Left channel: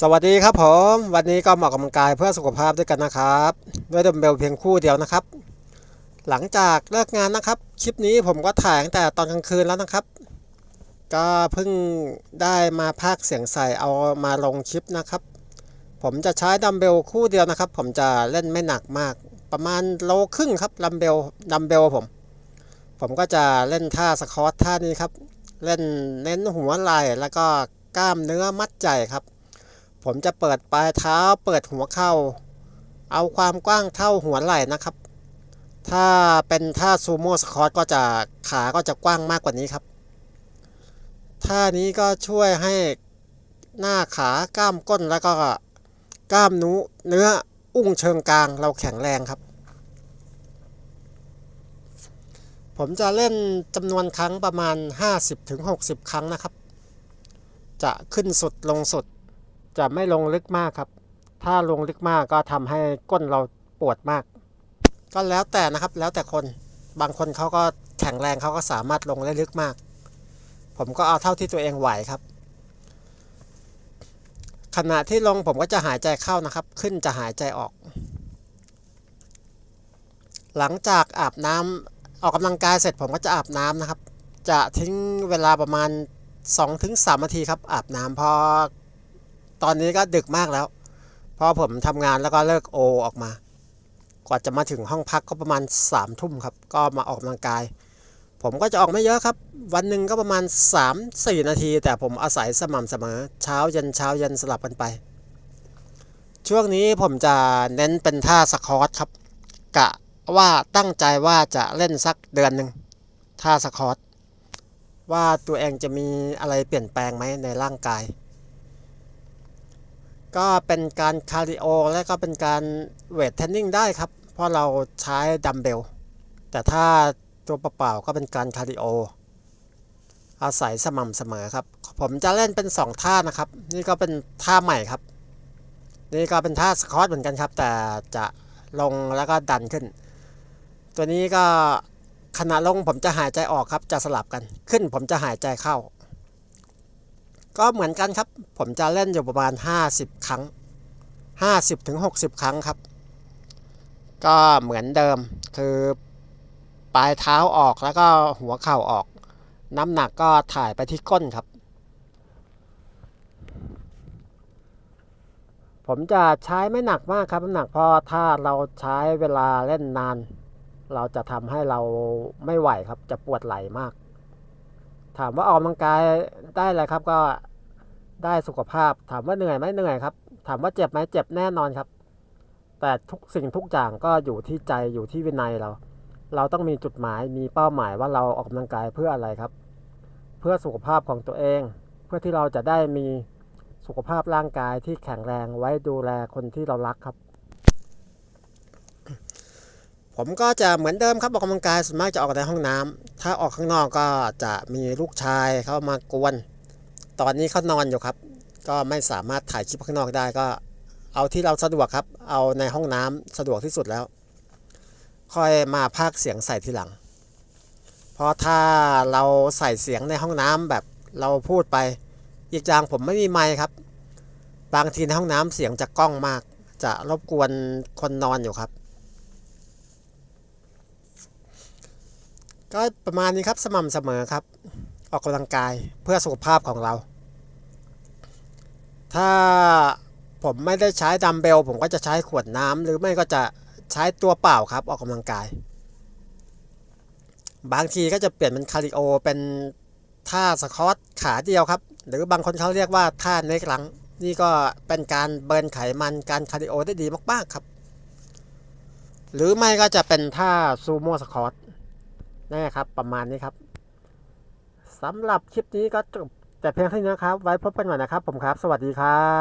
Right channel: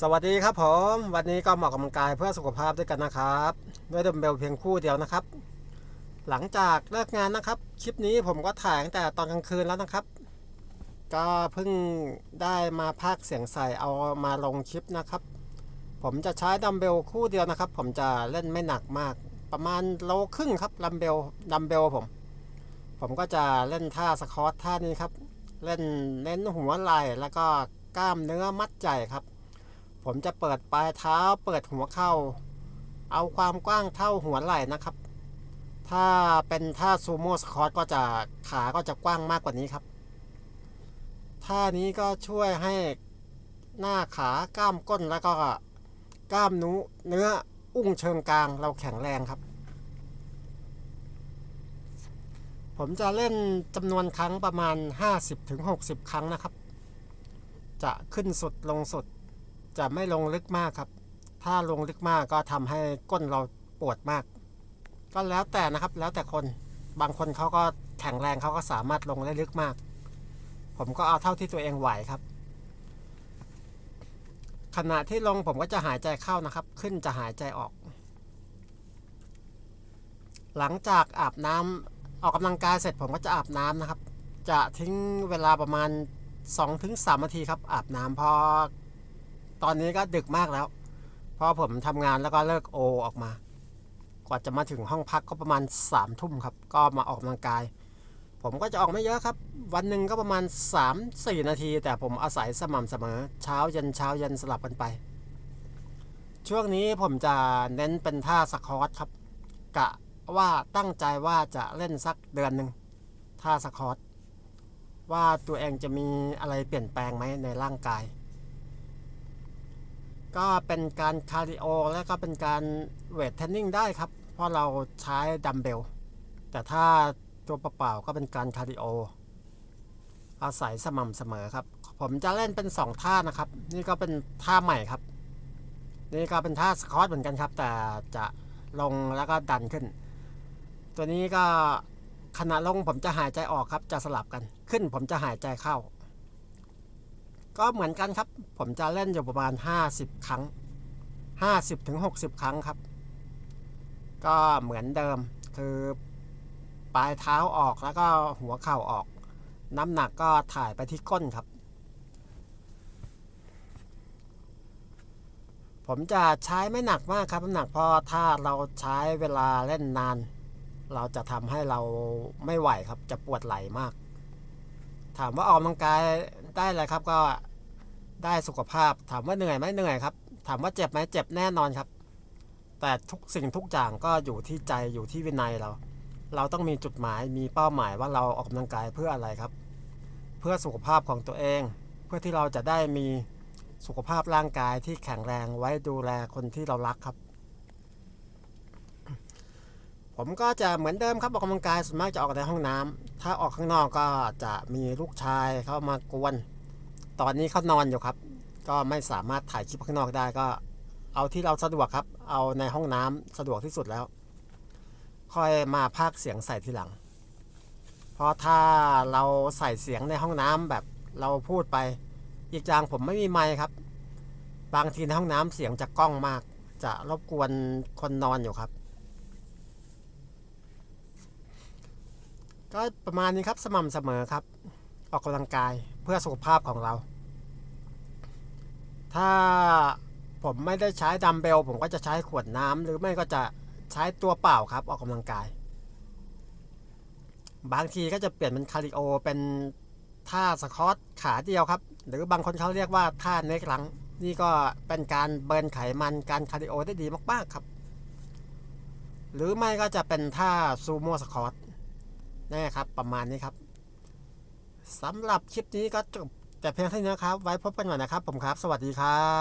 สวัสดีครับผม วันนี้ก็มาออกกำลังกายเพื่อสุขภาพด้วยกันนะครับ ด้วยดัมเบลเพียงคู่เดียวนะครับ หลังจากเลิกงานนะครับ คลิปนี้ผมก็ถ่ายตั้งแต่ตอนกลางคืนแล้วนะครับ ก็เพิ่งได้มาพากเสียงใส่เอามาลงคลิปนะครับ ผมจะใช้ดัมเบลคู่เดียวนะครับ ผมจะเล่นไม่หนักมาก ประมาณโลครึ่งครับดัมเบลดัมเบลผม ผมก็จะเล่นท่าสควอตท่านี้ครับ เล่นเน้นหัวไหล่แล้วก็กล้ามเนื้อมัดใจครับ ผมจะเปิดปลายเท้าเปิดหัวเข่า เอาความกว้างเท่าหัวไหล่นะครับ ถ้าเป็นท่าซูโม่สคอตก็จะขาก็จะกว้างมากกว่านี้ครับท่านี้ก็ช่วยให้หน้าขากล้ามก้นแล้วก็กล้ามนูเนื้ออุ้งเชิงกลางเราแข็งแรงครับ ผมจะเล่นจำนวนครั้งประมาณ 50-60 ครั้งนะครับ จะขึ้นสุดลงสุด จะไม่ลงลึกมากครับ ถ้าลงลึกมากก็ทำให้ก้นเราปวดมาก ก็แล้วแต่นะครับ แล้วแต่คน บางคนเขาก็แข็งแรงเขาก็สามารถลงได้ลึกมาก ผมก็เอาเท่าที่ตัวเองไหวครับ ขณะที่ลงผมก็จะหายใจเข้านะครับ ขึ้นจะหายใจออก หลังจากอาบน้ำออกกำลังกายเสร็จผมก็จะอาบน้ำนะครับ จะทิ้งเวลาประมาณ 2-3นาทีครับอาบน้ำพอ ตอนนี้ก็ดึกมากแล้วพราะผมทำงานแล้วก็เลิกโอออกมา กว่าจะมาถึงห้องพักก็ประมาณ3ามทุ่มครับ ก็มาออกกำลังกาย ผมก็จะออกไม่เยอะครับ วันหนึ่งก็ประมาณ 3-4 นาที แต่ผมอาศัยสม่ำเสมอ เช้าเย็นเช้าเย็นสลับกันไป ช่วงนี้ผมจะเน้นเป็นท่าสควอตครับ กะว่าตั้งใจว่าจะเล่นสักเดือนหนึ่งท่าสควอตว่าตัวเองจะมีอะไรเปลี่ยนแปลงไหมในร่างกาย ก็เป็นการคาร์ดิโอและก็เป็นการเวทเทรนนิ่งได้ครับ เพราะเราใช้ดัมเบล แต่ถ้าตัวเปล่าๆก็เป็นการคาร์ดิโอ อาศัยสม่ำเสมอครับ ผมจะเล่นเป็น 2 ท่านะครับ นี่ก็เป็นท่าใหม่ครับ นี่ก็เป็นท่าสควอตเหมือนกันครับ แต่จะลงแล้วก็ดันขึ้น ตัวนี้ก็ขณะลงผมจะหายใจออกครับ จะสลับกันขึ้นผมจะหายใจเข้า ก็เหมือนกันครับ ผมจะเล่นอยู่ประมาณ 50 ครั้ง 50ถึง60 ครั้งครับ ก็เหมือนเดิมคือปลายเท้าออกแล้วก็หัวเข่าออก น้ำหนักก็ถ่ายไปที่ก้นครับ ผมจะใช้ไม่หนักมากครับน้ำหนักเพราะถ้าเราใช้เวลาเล่นนาน เราจะทำให้เราไม่ไหวครับจะปวดไหล่มาก ถามว่าออกกำลังกายได้อะไรครับก็ได้สุขภาพ ถามว่าเหนื่อยไหมเหนื่อยครับ ถามว่าเจ็บไหมเจ็บแน่นอนครับ แต่ทุกสิ่งทุกอย่างก็อยู่ที่ใจอยู่ที่วินัยเรา เราต้องมีจุดหมายมีเป้าหมายว่าเราออกกำลังกายเพื่ออะไรครับ เพื่อสุขภาพของตัวเอง เพื่อที่เราจะได้มีสุขภาพร่างกายที่แข็งแรงไว้ดูแลคนที่เรารักครับ ผมก็จะเหมือนเดิมครับออกกำลังกายส่วนมากจะออกในห้องน้ำถ้าออกข้างนอกก็จะมีลูกชายเข้ามากวน ตอนนี้เขานอนอยู่ครับ ก็ไม่สามารถถ่ายคลิปข้างนอกได้ก็เอาที่เราสะดวกครับ เอาในห้องน้ำสะดวกที่สุดแล้ว ค่อยมาพากเสียงใส่ทีหลัง เพราะถ้าเราใส่เสียงในห้องน้ำแบบเราพูดไป อีกอย่างผมไม่มีไมค์ครับ บางทีในห้องน้ำเสียงจะก้องมาก จะรบกวนคนนอนอยู่ครับ ก็ประมาณนี้ครับสม่ำเสมอครับ ออกกำลังกายเพื่อสุขภาพของเรา ถ้าผมไม่ได้ใช้ดัมเบล ผมก็จะใช้ขวดน้ำหรือไม่ก็จะใช้ตัวเปล่าครับออกกำลังกาย บางทีก็จะเปลี่ยนเป็นคาริโอเป็นท่าสควอตขาเดียวครับ หรือบางคนเขาเรียกว่าท่าเนกหลัง นี่ก็เป็นการเบิร์นไขมันการคาริโอได้ดีมากๆครับ หรือไม่ก็จะเป็นท่าซูโม่สควอต นะครับ ประมาณนี้ครับสำหรับคลิปนี้ก็จบแต่เพียงเท่านี้นะครับ ไว้พบกันใหม่นะครับ ผมครับ สวัสดีครับ